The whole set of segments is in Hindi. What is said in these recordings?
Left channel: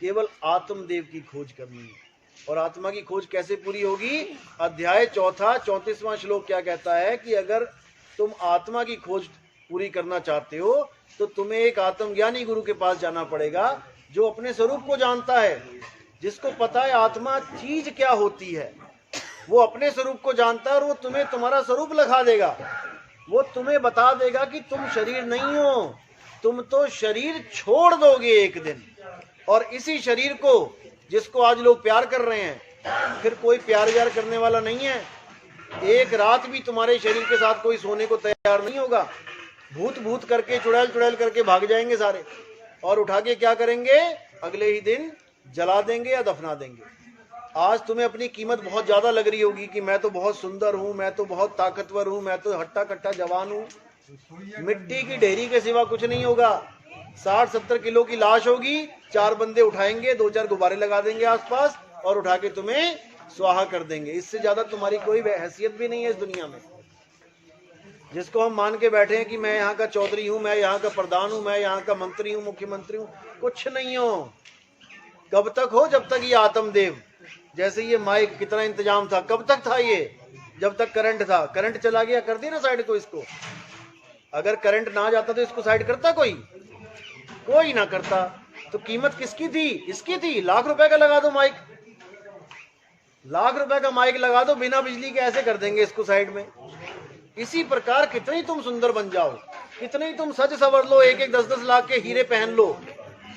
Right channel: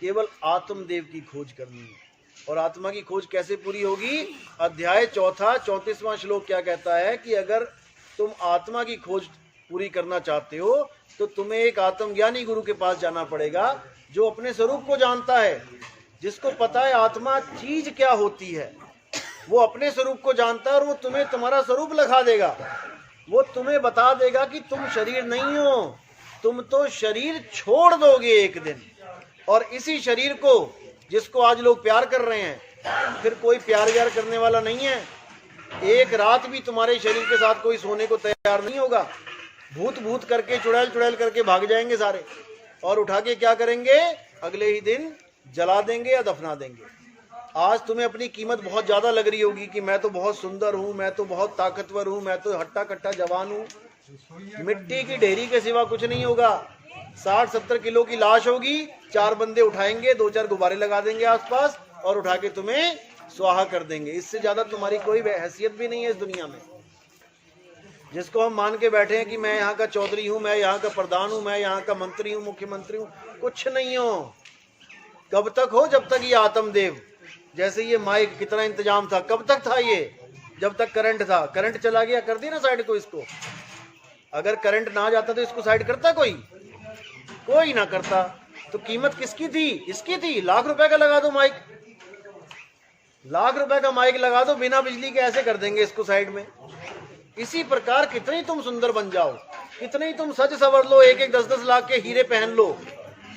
केवल आत्मदेव की खोज करनी है। और आत्मा की खोज कैसे पूरी होगी? अध्याय 4 34वां श्लोक क्या कहता है कि अगर तुम आत्मा की खोज पूरी करना चाहते हो तो तुम्हें एक आत्मज्ञानी गुरु के पास जाना पड़ेगा, जो अपने स्वरूप को जानता है, जिसको पता है आत्मा चीज क्या होती है। वो अपने स्वरूप को जानता है और वो तुम्हें तुम्हारा स्वरूप लगा देगा। वो तुम्हें बता देगा कि तुम शरीर नहीं हो, तुम तो शरीर छोड़ दोगे एक दिन। और इसी शरीर को जिसको आज लोग प्यार कर रहे हैं, फिर कोई प्यार व्यार करने वाला नहीं है। एक रात भी तुम्हारे शरीर के साथ कोई सोने को तैयार नहीं होगा। भूत भूत करके चुड़ैल चुड़ैल करके भाग जाएंगे सारे, और उठा के क्या करेंगे? अगले ही दिन जला देंगे या दफना देंगे। आज तुम्हें अपनी कीमत बहुत ज्यादा लग रही होगी कि मैं तो बहुत सुंदर हूं, मैं तो बहुत ताकतवर हूं, मैं तो हट्टा कट्टा जवान हूं। मिट्टी की ढेरी के सिवा कुछ नहीं होगा। 60-70 किलो की लाश होगी, 4 बंदे उठाएंगे, 2-4 गुब्बारे लगा देंगे आसपास और उठा के तुम्हें स्वाहा कर देंगे। इससे ज्यादा तुम्हारी कोई हैसियत भी नहीं है इस दुनिया में। जिसको हम मान के बैठे हैं कि मैं यहाँ का चौधरी हूँ, मैं यहाँ का प्रधान हूँ, मैं यहाँ का मंत्री हूँ, मुख्यमंत्री हूँ, कुछ नहीं हो। कब तक हो? जब तक ये आत्मदेव, जैसे ये माइक कितना इंतजाम था, कब तक था ये? जब तक करंट था। करंट चला गया, कर दिया ना साइड को इसको। अगर करंट ना जाता तो इसको साइड करता कोई? कोई ना करता। तो कीमत किसकी थी? इसकी थी। लाख रुपए का लगा दो माइक, लाख रुपए का माइक लगा दो, बिना बिजली के ऐसे कर देंगे इसको साइड में। इसी प्रकार कितनी तुम सुंदर बन जाओ, कितनी तुम सज सवर लो, 1-1 10-10 लाख के हीरे पहन लो,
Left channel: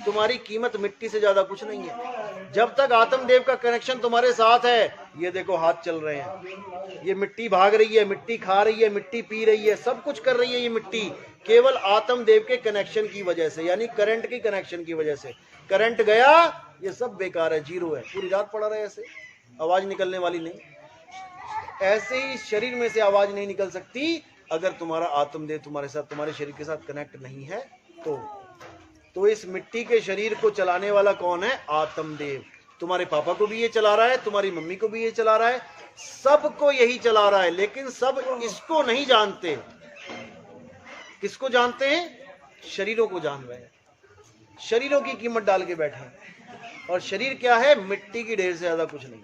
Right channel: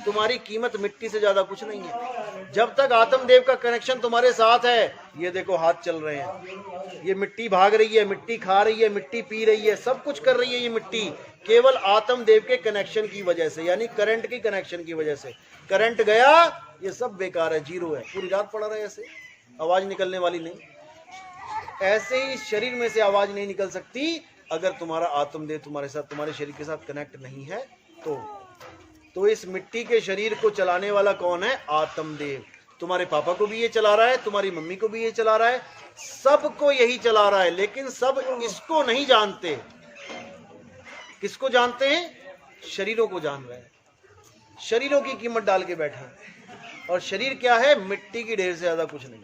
तुम्हारी कीमत मिट्टी से ज्यादा कुछ नहीं है। जब तक आत्मदेव का कनेक्शन तुम्हारे साथ है, ये देखो हाथ चल रहे हैं, ये मिट्टी भाग रही है, मिट्टी खा रही है, मिट्टी पी रही है, सब कुछ कर रही है ये मिट्टी, केवल आत्मदेव के कनेक्शन की वजह से, यानी करंट की कनेक्शन की वजह से। करंट गया, ये सब बेकार है, जीरो है। पूरी रात पड़ा रहे ऐसे, आवाज निकलने वाली नहीं। ऐसे ही शरीर में से आवाज नहीं निकल सकती अगर तुम्हारा आत्मदेव तुम्हारे साथ, तुम्हारे शरीर के साथ कनेक्ट नहीं है तो इस मिट्टी के शरीर को चलाने वाला कौन है? आत्मदेव। तुम्हारे पापा को भी ये चला रहा है, तुम्हारी मम्मी को भी ये चला रहा है, सबको यही चला रहा है। लेकिन सब इसको नहीं जानते। किसको जानते हैं? शरीरों को जान रहे हैं। शरीरों की कीमत डाल के बैठे हैं। और शरीर क्या है? मिट्टी की ढेर से ज्यादा कुछ नहीं।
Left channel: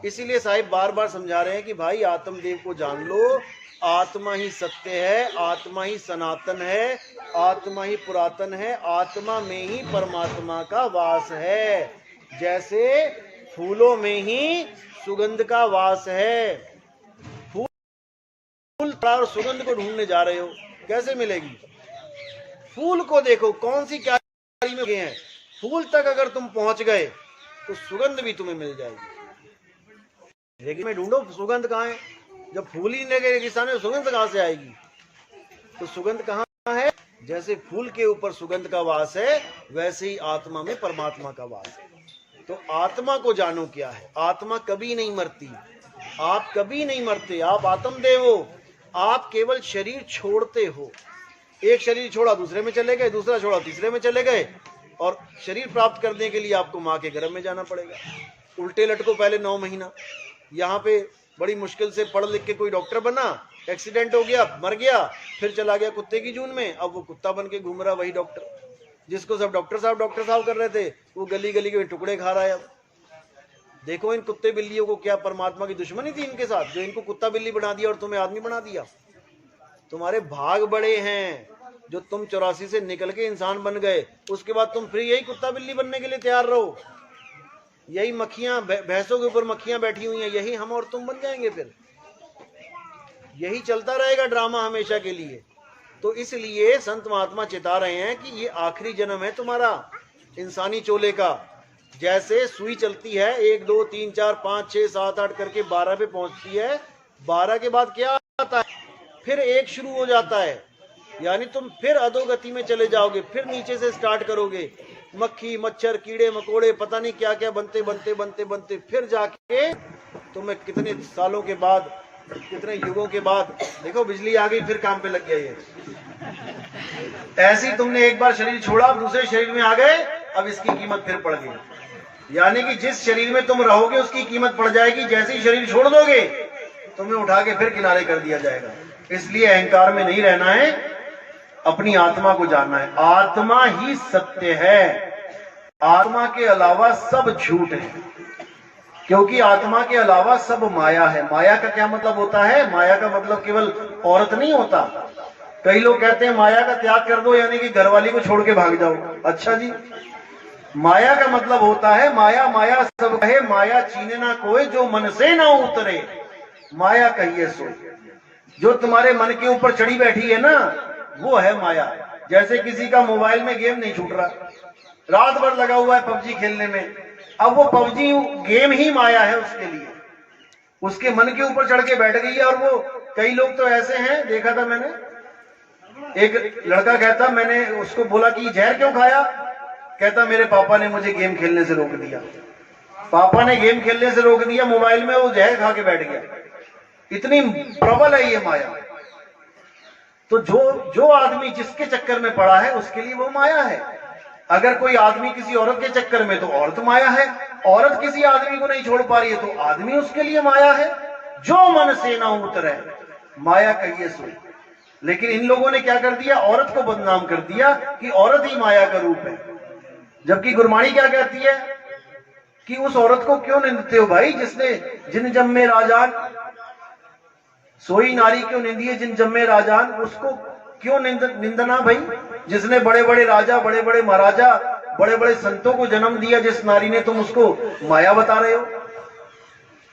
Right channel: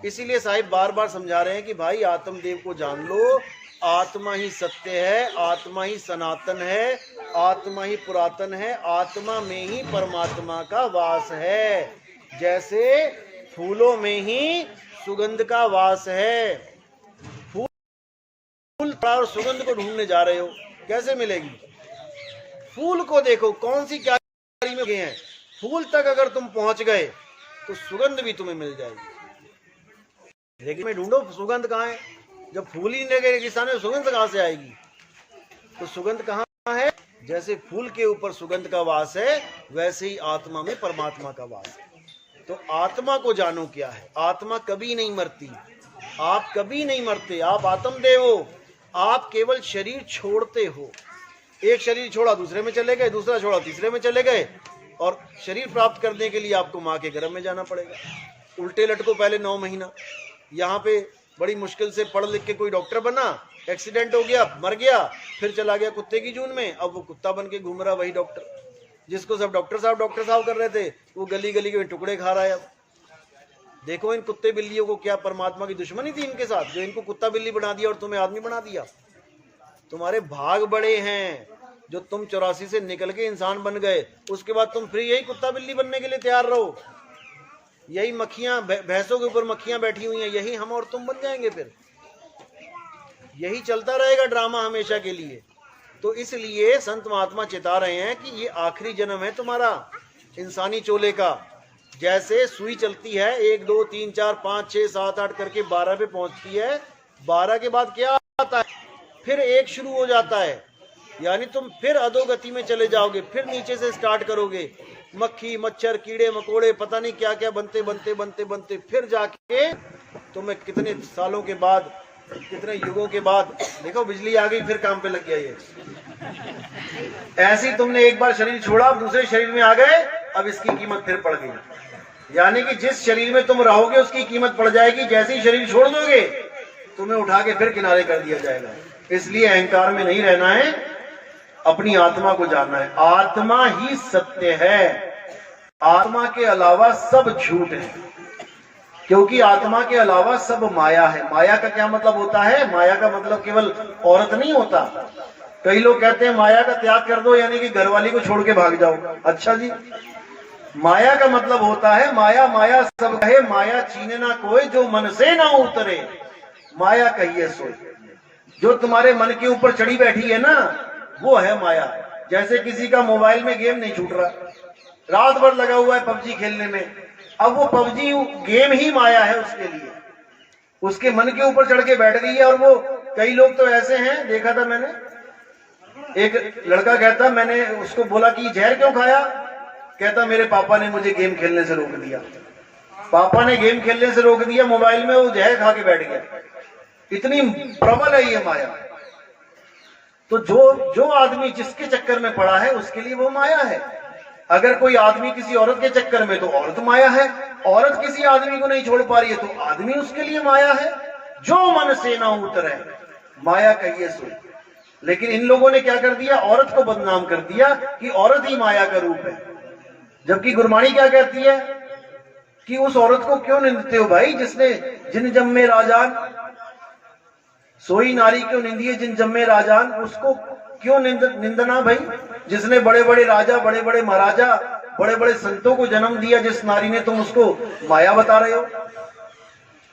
इसीलिए साहिब बार बार समझा रहे हैं कि भाई आत्मदेव को जान लो। आत्मा ही सत्य है, आत्मा ही सनातन है, आत्मा ही पुरातन है, आत्मा में ही परमात्मा का वास है। जैसे फूलों में ही सुगंध का वास है। फूल और सुगंध को ढूंढने जा रहे हो, कैसे मिलेगी? फूल को देखो कौन सी क्यारी में गए हैं, फूल तक अगर तुम पहुंच गए तो सुगंध भी तुम्हें मिल जाएगी। लेकिन में ढूंढो सुगंध कहाँ है? जब फूल ही नहीं लगे रेगिस्तान में, सुगंध कहाँ से आएगी? तो सुगंध कहाँ है? जैसे फूल के ऊपर सुगंध का वास है, वैसे ही आत्मा में परमात्मा का वास है। तो आत्मा को जानो क्या है। आत्मा कभी नहीं मरती, आप कभी नहीं मरते, आप आत्मदेव हो। आप केवल शरीर छोड़ते हो। एक शरीर छोड़ा दूसरे में चले गए, दूसरा छोड़ा तीसरे में चले गए, और शरीर प्राप्त करने के लिए आपको माँ के गर्भ में जाना पड़ेगा। उल्टे लटको पहले 9 महीना, यहाँ पे बड़ी मुश्किल से पढ़ लिख के कोई डॉक्टर बना, एक्सीडेंट हो गया, मर गया, फिर चला गया कुत्ते की जून में। अब वो कुत्ता बन के घूम रहा वही डॉक्टर, जिसको सब डॉक्टर साहब कर रहे थे, वो गली गली के टुकड़े खा रहा है। अब देखो इन कुत्ते बिल्लियों को क्या परमात्मा की दुश्मनी थी इनके साथ, जो इनको कुत्ता बिल्ली बना दिया और तुम्हें आदमी बना दिया। तुम्हारे भाग बड़े हैं जो तुम 84 से निकल के इंसान बन गए, उसके बाद तुम फिर यही कुत्ता बिल्ली बनने के लिए तैयार रहो। यही मक्खियां, भैंसों के ऊपर मक्खियां बैठी हुई हैं, यही हम और तुम बन जाएंगे। फिर यही चलता रहेगा ड्रामा हमेशा के लिए। तो इसलिए संत महात्मा चेता रहे हैं कि ये आखिरी जन्म है तुम्हारा इंसानी चोले का। जैसे सुई चलती है 1 2 3 4 5 6 7 8 करके 12 पे पहुंचती है, 12 के बाद क्या आता है? फिर 1 शुरू हो जाता है, यानी तुम फिर अधोगति में चले जाओगे, फिर नीचे से स्टार्ट करोगे। मक्खी मच्छर कीड़े मकोड़े पता नहीं क्या क्या बनते बनते बनते बनते फिर जाके तुम्हें कितने सालों के बाद, कितने युगों के बाद, देखो बिजली आ गई, फिर काम पे लग गया ये। ऐसी तुमने एक बार शरीर छोड़ा, दूसरे शरीर में आ गए, अब इसकी कीमत फिर पड़ गई। यानी कि जिस शरीर में तुम रहोगे उसकी कीमत पड़ जाएगी, जैसे ही शरीर छोड़ दोगे तुम्हें उठा के फिर किनारे कर दिया जाएगा। इसलिए अहंकार में नहीं रहना है, अपनी आत्मा को जानना है। आत्मा ही सत्य है। आत्मा के अलावा सब झूठ है, क्योंकि आत्मा के अलावा सब माया है। माया का क्या मतलब होता है? माया का मतलब केवल औरत नहीं होता। कई लोग कहते हैं माया का त्याग कर दो, यानी कि घरवाली को छोड़ के भाग जाओ। अच्छा जी, माया का मतलब होता है माया माया सब कहे, माया चीने ना कोई, जो मन से ना उतरे माया कहिए सोई। जो तुम्हारे मन के ऊपर चढ़ी बैठी है ना, वो है माया। जैसे किसी का मोबाइल में गेम नहीं छूट रहा, रात भर लगा हुआ है पबजी खेलने में, अब वो पबजी गेम ही माया है उसके लिए, उसके मन के ऊपर चढ़ के बैठ गई है। और वो कई लोग तो ऐसे हैं, देखा था मैंने, एक लड़का कहता, मैंने उसको बोला कि जहर क्यों खाया? कहता मेरे पापा ने मुझे गेम खेलने से रोक दिया। पापा ने गेम खेलने से रोक दिया, मोबाइल में वो जहर खा के बैठ गया। इतनी प्रबल है ये माया। तो जो आदमी जिसके चक्कर में पड़ा है उसके लिए वो माया है। अगर कोई आदमी किसी औरत के चक्कर में, तो औरत माया है। औरत किसी आदमी को नहीं छोड़ पा रही है, तो आदमी उसके लिए माया है। जो मन से ना उतरे माया कहिए सोई। लेकिन इन लोगों ने क्या कर दिया? औरत को बदनाम कर दिया कि औरत ही माया का रूप है। जबकि गुरबाणी क्या कहती है कि उस औरत को क्यों निंदते हो भाई? जिसने जिन जम्मे राजान, सोई नारी क्यों निंदिए जिन जम्मे राजान, उसको क्यों निंदना भाई? जिसने बड़े बड़े राजा, बड़े बड़े महाराजा, बड़े बड़े संतों को जन्म दिया, जिस नारी ने, तुम उसको माया बता रहे हो?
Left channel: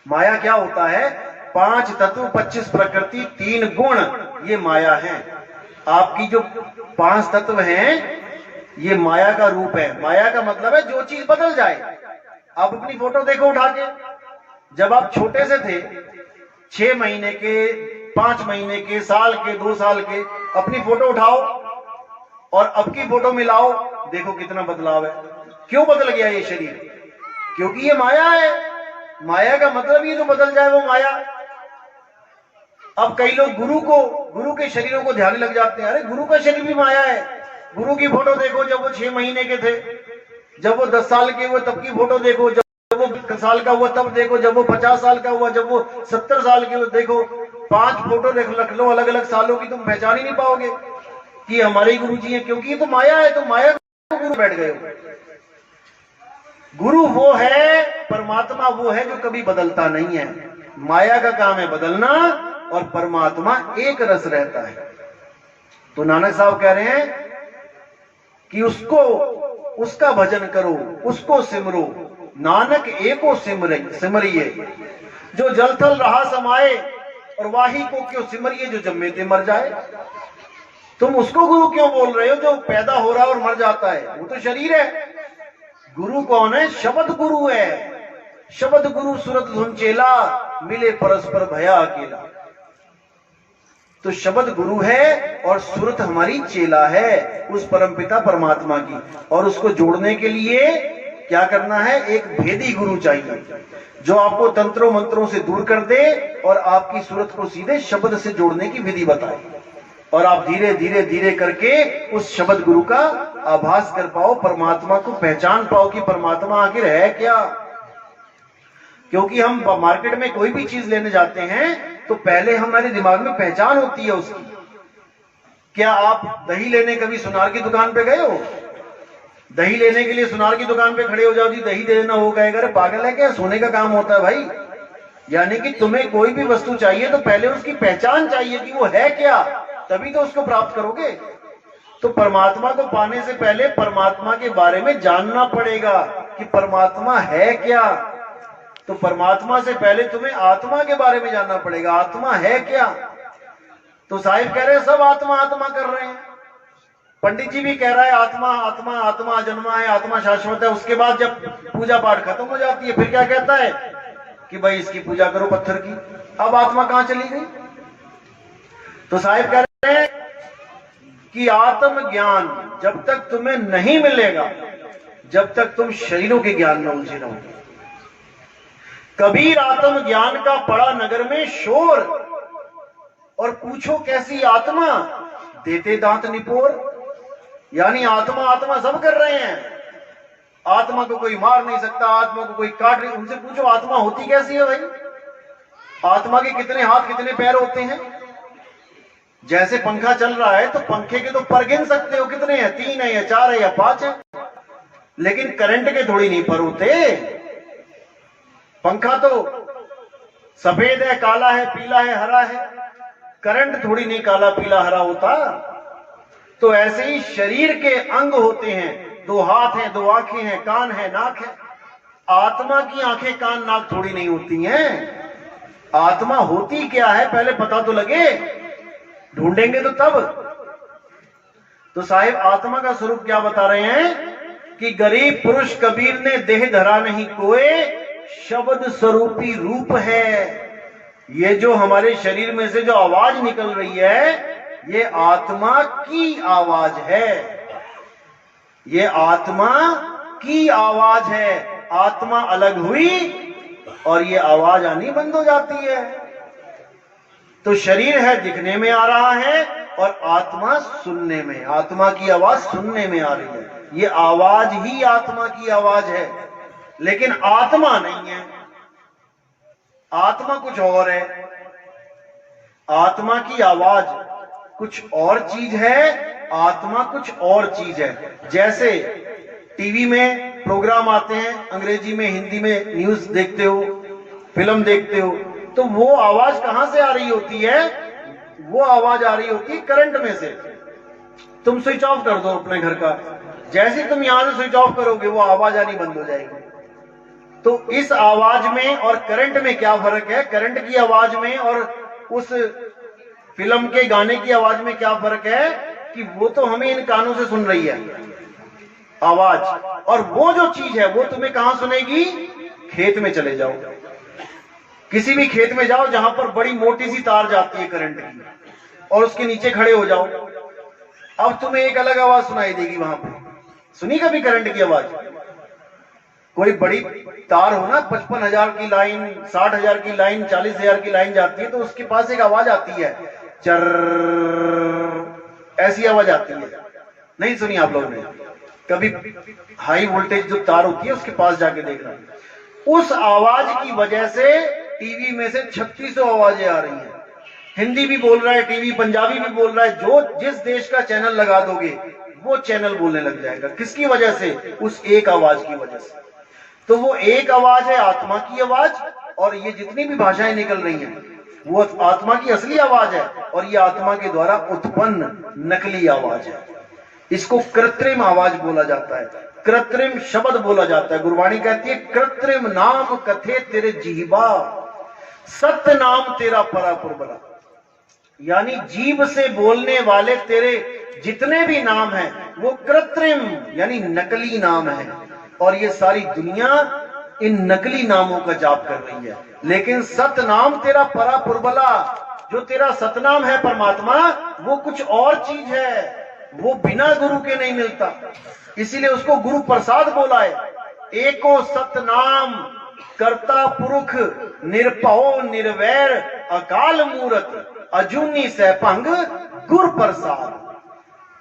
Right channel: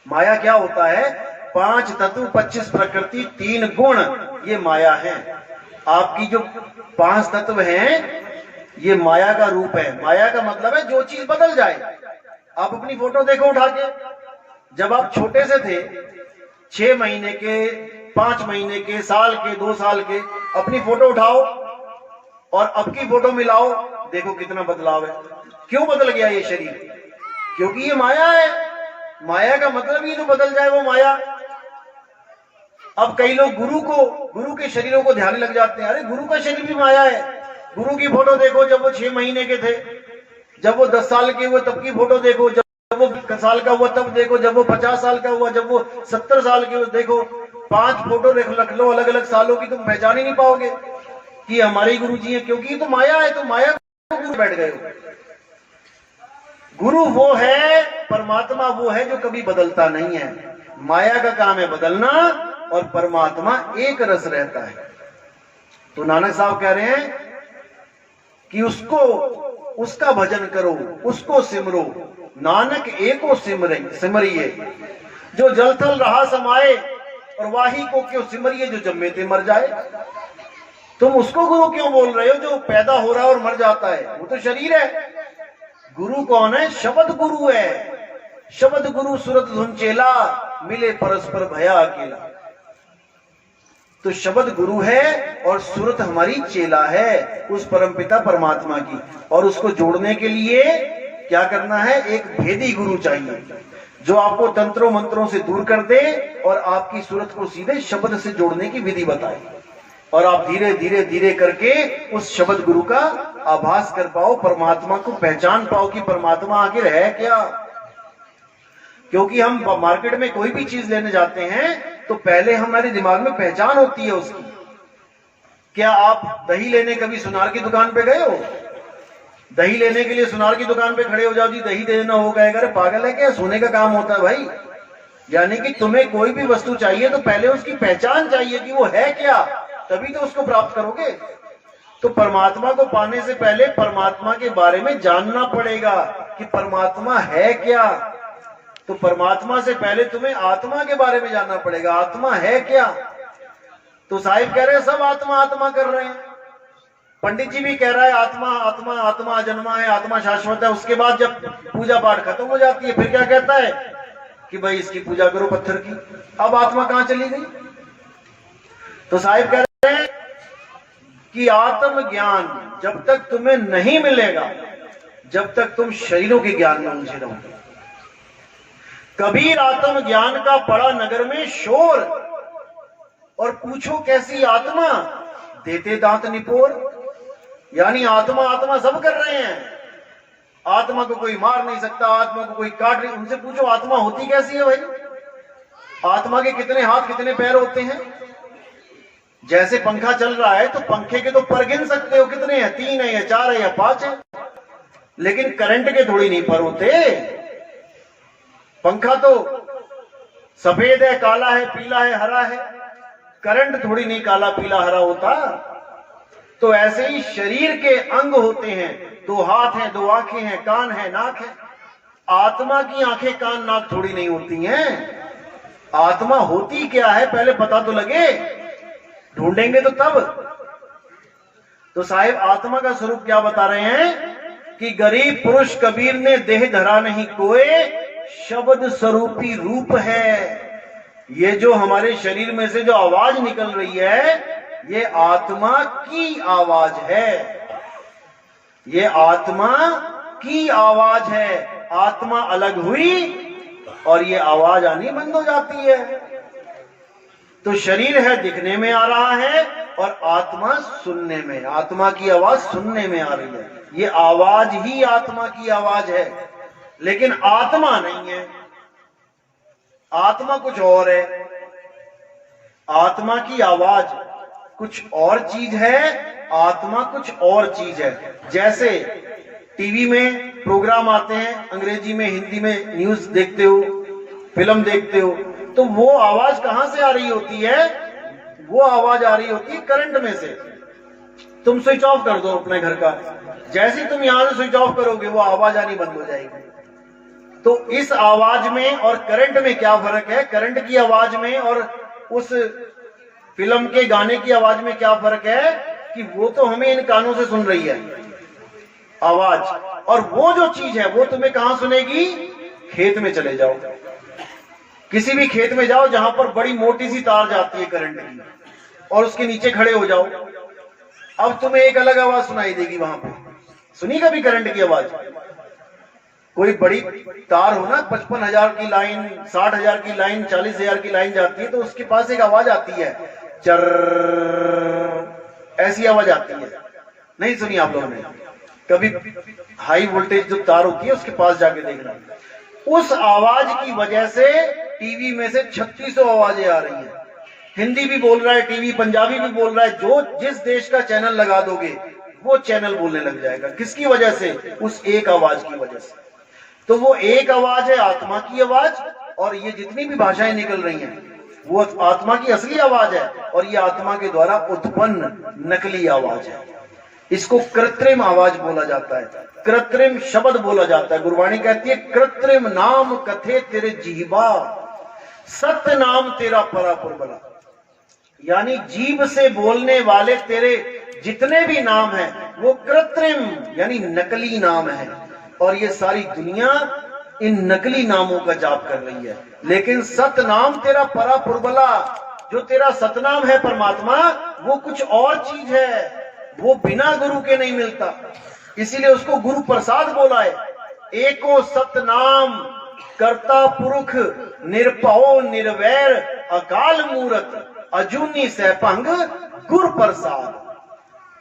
माया क्या होता है? 5 तत्व, 25 प्रकृति, 3 गुण, ये माया है। आपकी जो 5 तत्व हैं, ये माया का रूप है। माया का मतलब है जो चीज बदल जाए। आप अपनी फोटो देखो उठा के, जब आप छोटे से थे, 6 महीने के, 5 महीने के, साल के, 2 साल के, अपनी फोटो उठाओ और अब की फोटो मिलाओ, देखो कितना बदलाव है। क्यों बदल गया ये शरीर? क्योंकि ये माया है। माया का मतलब ये जो बदल जाए वो माया। अब कई लोग गुरु के शरीरों को ध्यान लग जाते हैं। अरे गुरु का शरीर भी माया है। गुरु की फोटो देखो जब वो 6 महीने के थे, जब वो 10 साल के हुए तब की फोटो देखो, जब वो 1 साल का हुआ तब देखो, जब वो 50 साल का हुआ, जब वो 70 साल के हुए देखो। 5 फोटो रख लो अलग अलग सालों की, तुम पहचान ही नहीं पाओगे कि हमारे गुरु जी है। क्योंकि ये तो माया है। तो माया को गुरु बैठ गए हो। गुरु वो है, परमात्मा वो है जो कभी बदलता नहीं है। माया का काम है बदलना, और परमात्मा एक रस रहता है। तो नानक साहब कह रहे हैं कि उसका भजन करो, उसको सिमरो, नानक एको सिमरिए। जो जल थल रहा समाए, और वाही को क्यों सिमरिए, जो जम्मे ते मर जाए। तुम उसको गुरु क्यों बोल रहे हो जो पैदा हो रहा है और मर जाता है? वो तो शरीर है। गुरु कौन है? शब्द गुरु है। शब्द गुरु सुरत धुन चेला, मिले परस्पर भया अकेला। तो शब्द गुरु है और सुरत हमारी चेला है उस परमपिता परमात्मा की। और उसको जोड़ने के लिए क्या करना है? एक भेदी गुरु चाहिए जो आपको तंत्रों मंत्रों से दूर कर दे और आपकी सूरत को सीधे शब्द से जोड़ने की विधि बताए। और आप धीरे धीरे धीरे करके उस शब्द गुरु का आभास कर पाओ, परमात्मा को पहचान पाओ कि परमात्मा आखिर है क्या। क्योंकि हम मार्केट में कोई भी चीज लेने जाते हैं तो पहले हमारे दिमाग में पहचान होती है उसकी। क्या आप दही लेने कभी सुनार की दुकान पे गए हो? दही लेने के लिए सुनार की दुकान पे खड़े हो जाओ, जी दही दे देना, हो गएगा। अरे पागल है क्या? सोने का काम होता है भाई। यानी कि तुम्हें कोई भी वस्तु चाहिए तो पहले उसकी पहचान चाहिए कि वो है क्या, तभी तो उसको प्राप्त करोगे। तो परमात्मा को पाने से पहले परमात्मा के बारे में जानना पड़ेगा कि परमात्मा है क्या। तो परमात्मा से पहले तुम्हें आत्मा के बारे में जानना पड़ेगा, आत्मा है क्या। तो साहिब कह रहे हैं सब आत्मा आत्मा कर रहे हैं। पंडित जी भी कह रहा है आत्मा आत्मा आत्मा जन्मा है, आत्मा शाश्वत है। उसके बाद जब पूजा पाठ खत्म हो जाती है फिर क्या कहता है कि भाई इसकी पूजा करो पत्थर की। अब आत्मा कहां चली गई? तो साहिब कह रहे हैं कि आत्म ज्ञान जब तक तुम्हें नहीं मिलेगा, जब तक तुम शरीरों के ज्ञान में उलझे रहोगे। कबीर आत्म ज्ञान का पड़ा नगर में शोर, और पूछो कैसी आत्मा, देते दांत निपोर। यानी आत्मा आत्मा सब कर रहे हैं। आत्मा को कोई मार नहीं सकता, आत्मा को कोई काट नहीं। उनसे पूछो आत्मा होती कैसी है भाई? आत्मा के कितने हाथ कितने पैर होते हैं? जैसे पंखा चल रहा है तो पंखे के तो पर गिन सकते हो कितने हैं, 3 है या 4 है या 5 है। लेकिन करंट के थोड़ी नहीं पर होते। पंखा तो सफेद है, काला है, पीला है, हरा है, करंट थोड़ी नहीं काला पीला हरा होता। तो ऐसे ही शरीर के अंग होते हैं, 2 हाथ हैं, 2 आंखें हैं, कान है, नाक है। आत्मा की आंखें कान नाक थोड़ी नहीं होती हैं। आत्मा होती क्या है पहले पता तो लगे, ढूंढेंगे तो तब। तो साहिब आत्मा का स्वरूप क्या बता रहे हैं कि गरीब पुरुष कबीर ने देह धरा नहीं कोई, शब्द स्वरूपी रूप है। ये जो हमारे शरीर में से जो आवाज निकल रही है, ये आत्मा की आवाज है। ये आत्मा की आवाज है। आत्मा अलग हुई और ये आवाज आनी बंद हो जाती है। तो शरीर है दिखने में आ रहा है और आत्मा सुनने में, आत्मा की आवाज सुनने में आ रही है। ये आवाज ही आत्मा की आवाज है, लेकिन आत्मा नहीं है। आत्मा कुछ और है। आत्मा की आवाज कुछ और चीज है, आत्मा कुछ और चीज है। जैसे टीवी में प्रोग्राम आते हैं, अंग्रेजी में, हिंदी में न्यूज देखते हो, फिल्म देखते हो, तो वो आवाज कहां से आ रही होती है? वो आवाज आ रही होती है करंट में से। तुम स्विच ऑफ कर दो अपने घर का, जैसे तुम यहां से स्विच ऑफ करोगे वो आवाज आनी बंद हो जाएगी। तो इस आवाज में और करंट में क्या फर्क है? करंट की आवाज में और उस फिल्म के गाने की आवाज में क्या फर्क है कि वो तो हमें इन कानों से सुन रही है आवाज, और वो जो चीज है वो तुम्हें कहां सुनेगी? खेत में चले जाओ, किसी भी खेत में जाओ जहां पर बड़ी मोटी सी तार जाती है करंट की, और उसके नीचे खड़े हो जाओ। अब तुम्हें एक अलग आवाज सुनाई देगी। वहां पे सुनी कभी करंट की आवाज? कोई बड़ी तार हो ना, 55,000 की लाइन, 60,000 की लाइन, 40,000 की लाइन जाती है, तो उसके पास एक आवाज आती है, चर, ऐसी आवाज आती है। नहीं सुनी आप लोगों ने कभी? हाई वोल्टेज जो तार होती है उसके पास जाके देखना। उस आवाज की वजह से टीवी में से 3600 आवाजें आ रही हैं। हिंदी भी बोल रहा है टीवी, पंजाबी भी बोल रहा है, जो जिस देश का चैनल लगा दोगे वो चैनल बोलने लग जाएगा। किसकी वजह से? उस एक आवाज की वजह से। तो वो एक आवाज है आत्मा की आवाज, और ये जितनी भी भाषाएं निकल रही हैं वो आत्मा की असली आवाज है, और ये आत्मा के द्वारा उत्पन्न नकली आवाज है। इसको कृत्रिम आवाज बोला जाता है, कृत्रिम शब्द बोला जाता है। गुरबाणी कहती है, कृत्रिम नाम कथे तेरे जीवा, सत्य नाम तेरा परापुर बला। यानी जीभ से बोलने वाले तेरे जितने भी नाम हैं वो कृत्रिम यानी नकली नाम है, और ये सारी दुनिया इन नकली नामों का जाप कर रही है। लेकिन सतनाम तेरा परापुर बला, जो तेरा सतनाम है परमात्मा, वो कुछ और चीज है, वो बिना गुरु के नहीं मिलता। इसीलिए उसको गुरु प्रसाद बोला है। एको सतनाम कर्ता पुरुष निरपहो निर्वैर अकाल मूरत अजूनी सहभंग गुरु प्रसाद।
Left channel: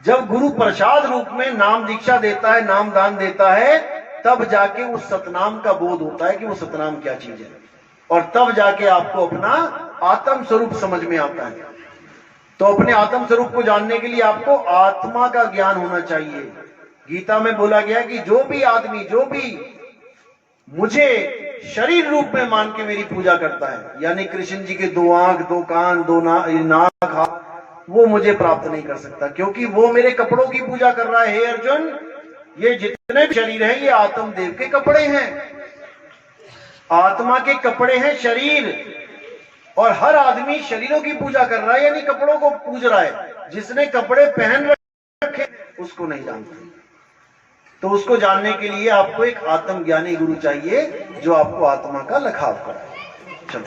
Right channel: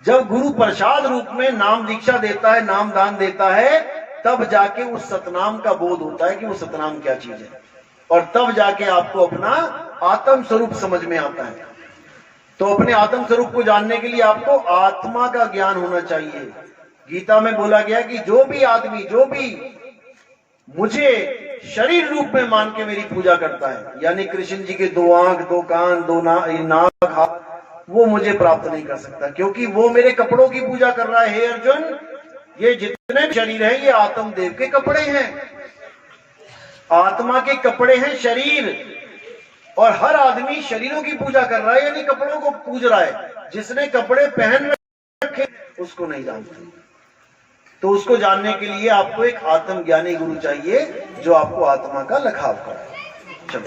जब गुरु प्रसाद रूप में नाम दीक्षा देता है, नाम दान देता है, तब जाके उस सतनाम का बोध होता है कि वो सतनाम क्या चीज है, और तब जाके आपको अपना आत्म स्वरूप समझ में आता है। तो अपने आत्म स्वरूप को जानने के लिए आपको आत्मा का ज्ञान होना चाहिए। गीता में बोला गया कि जो भी आदमी, जो भी मुझे शरीर रूप में मान के मेरी पूजा करता है, यानी कृष्ण जी के 2 आंख, 2 कान, 2 नाक, हाथ, वो मुझे प्राप्त नहीं कर सकता, क्योंकि वो मेरे कपड़ों की पूजा कर रहा है। हे अर्जुन, ये जितने भी शरीर हैं ये आत्म देव के कपड़े हैं, आत्मा के कपड़े हैं शरीर, और हर आदमी शरीरों की पूजा कर रहा है, यानी कपड़ों को पूज रहा है। जिसने कपड़े पहन रखे उसको नहीं जानता। तो उसको जानने के लिए आपको एक आत्मज्ञानी गुरु चाहिए जो आपको आत्मा का लखाव कराए। चलो।